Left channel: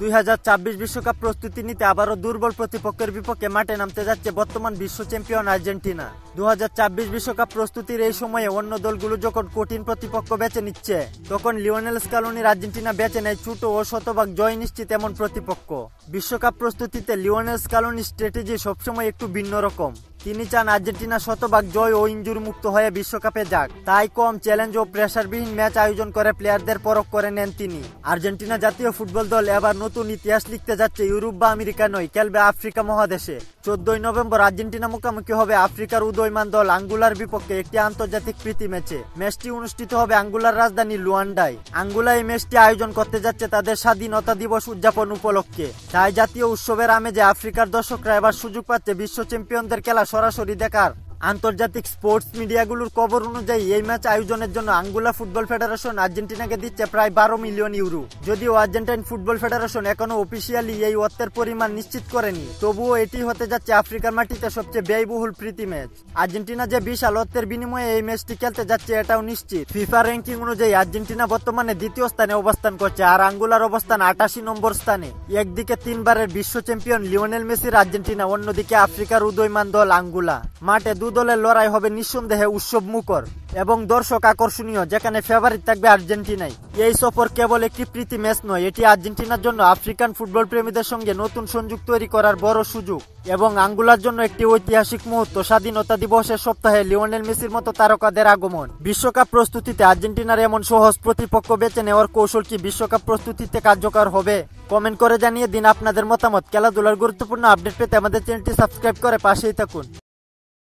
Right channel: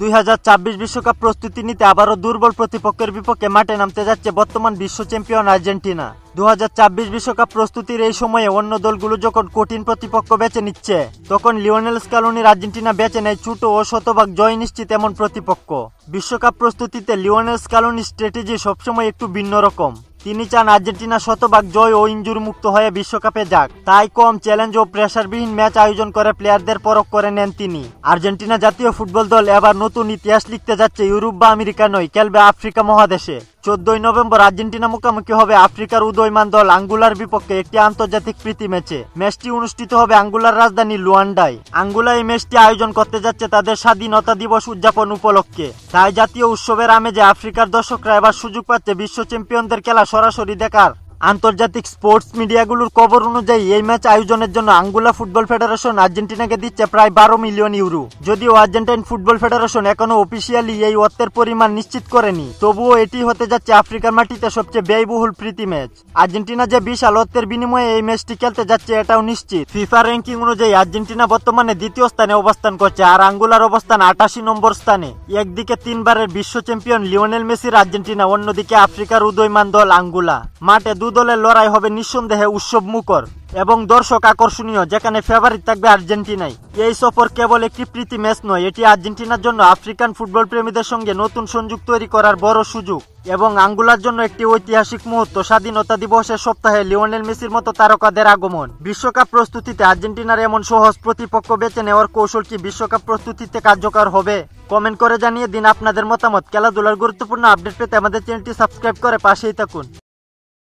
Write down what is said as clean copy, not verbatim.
2026 বিশ্বকাপ প্রস্তুতি নিতে আবারও দুর্বল প্রতিপক্ষের বিপক্ষে মাঠে নামতে যাচ্ছে বর্তমান বিশ্ব চ্যাম্পিয়ন আর্জেন্টিনা। 2026 বিশ্বকাপ প্রস্তুতির এই সময়ে অন্য দলগুলো যখন কঠিন প্রতিপক্ষ বেছে নিচ্ছে, তখন লিওনেল স্কালোনির আর্জেন্টিনা বেছে নেয় ছোট ও শতভাগ জয় নিশ্চিত এমন প্রতিপক্ষ। বিশ্বকাপ প্রস্তুতিতে লিওনেল স্কালোনির স্ট্র্যাটেজি সবসময় একটু ভিন্ন রকম। তিনি চান আর্জেন্টিনা শতভাগ জয় ও ইনজুরি মুক্ত হয়ে বিশ্বকাপে যাক, তাই কম চ্যালেঞ্জ ও প্রেসারবিহীন ম্যাচ আয়োজন করে প্লেয়ারদের পরখ করে নেন তিনি। আর্জেন্টিনা জাতীয় ফুটবল দল এবার নতুন ইতিহাস লিখতে যাচ্ছে, ইউরোপ বা আমেরিকা নয়, খেলবে আফ্রিকা মহাদেশে। 14 নভেম্বর আর্জেন্টিনা মুখোমুখি হবে আফ্রিকার উদীয়মান দল আঙ্গুলার বিপক্ষে একটি আন্তর্জাতিক প্রীতি ম্যাচে। ম্যাচটি অনুষ্ঠিত হবে আঙ্গুলার রাজধানী লুয়ান্ডায়। আঙ্গুলা এই ম্যাচটি আয়োজন করতে যাচ্ছে তাদের স্বাধীনতা দিবস উদযাপন উপলক্ষে। তাই জাতীয় উৎসবের আমেজে আফ্রিকার দর্শকরা এবার সুযোগ পাচ্ছে বিশ্ব চ্যাম্পিয়নদের খেলা সরাসরি দেখার। আন্তর্জাতিক স্পোর্টস মিডিয়াগুলোর খবর অনুযায়ী এই ম্যাচ আয়োজনের জন্য আঙ্গুলা ফুটবল ফেডারেশন আর্জেন্টিনাকে দিচ্ছে প্রায় 12 মিলিয়ন ইউরো। যদিও আর্জেন্টাইন ফুটবল ফেডারেশন এখনো অফিসিয়ালি এই অর্থের পরিমাণ নিশ্চিত করেনি, তবুও এটি হতে যাচ্ছে আফ্রিকার মাটিতে সবচেয়ে ব্যয়বহুল প্রীতি ম্যাচ। আর্জেন্টিনা যে বিশাল অর্থের বিনিময়ে এই ম্যাচটি খেলতে যাচ্ছে এটাও নিশ্চিত। ফিফা র্যাঙ্কিং অনুযায়ী আর্জেন্টিনা বর্তমানে দ্বিতীয় স্থানে অবস্থান করছে, আর আঙ্গুলার অবস্থান 88 নম্বর স্থানে। একদিকে 3 বারের বিশ্ব চ্যাম্পিয়ন লিওনেল মেসির আর্জেন্টিনা, অন্যদিকে আফ্রিকার উদীয়মান দল আঙ্গুলা। মাঠে দলের লড়াই হবে নিঃসন্দেহে উৎসব মুখর এবং দর্শক আকর্ষণীয়, যেখানে ফেভারিট থাকবে আর্জেন্টিনাই। এই সফর কেবল একটি প্রীতি ম্যাচ নয়, এটি আর্জেন্টিনার জন্য আফ্রিকান ফুটবল প্রেমীদের সঙ্গে নতুন সংযোগ তৈরি করার বড় সুযোগ এবং আঙ্গুলার জন্য একটি ঐতিহাসিক মুহূর্ত। স্বাধীনতা দিবসের সপ্তাহে লিওনেল মেসির মতো তারকাদের আগমন। বিশ্বকাপ প্রস্তুতিতে আর্জেন্টিনার এমন সহজ প্রতিপক্ষ বেছে নেওয়ার কৌশল কি বিশ্বকাপ প্রস্তুতিতে কার্যকর হবে? কমেন্ট করে জানিয়ে দিন আপনাদের মতামত। খেলাধুলার গুরুত্বপূর্ণ আপডেট পেতে আমাদের চ্যানেলটি সাবস্ক্রাইব করে পাশেই থাকুন।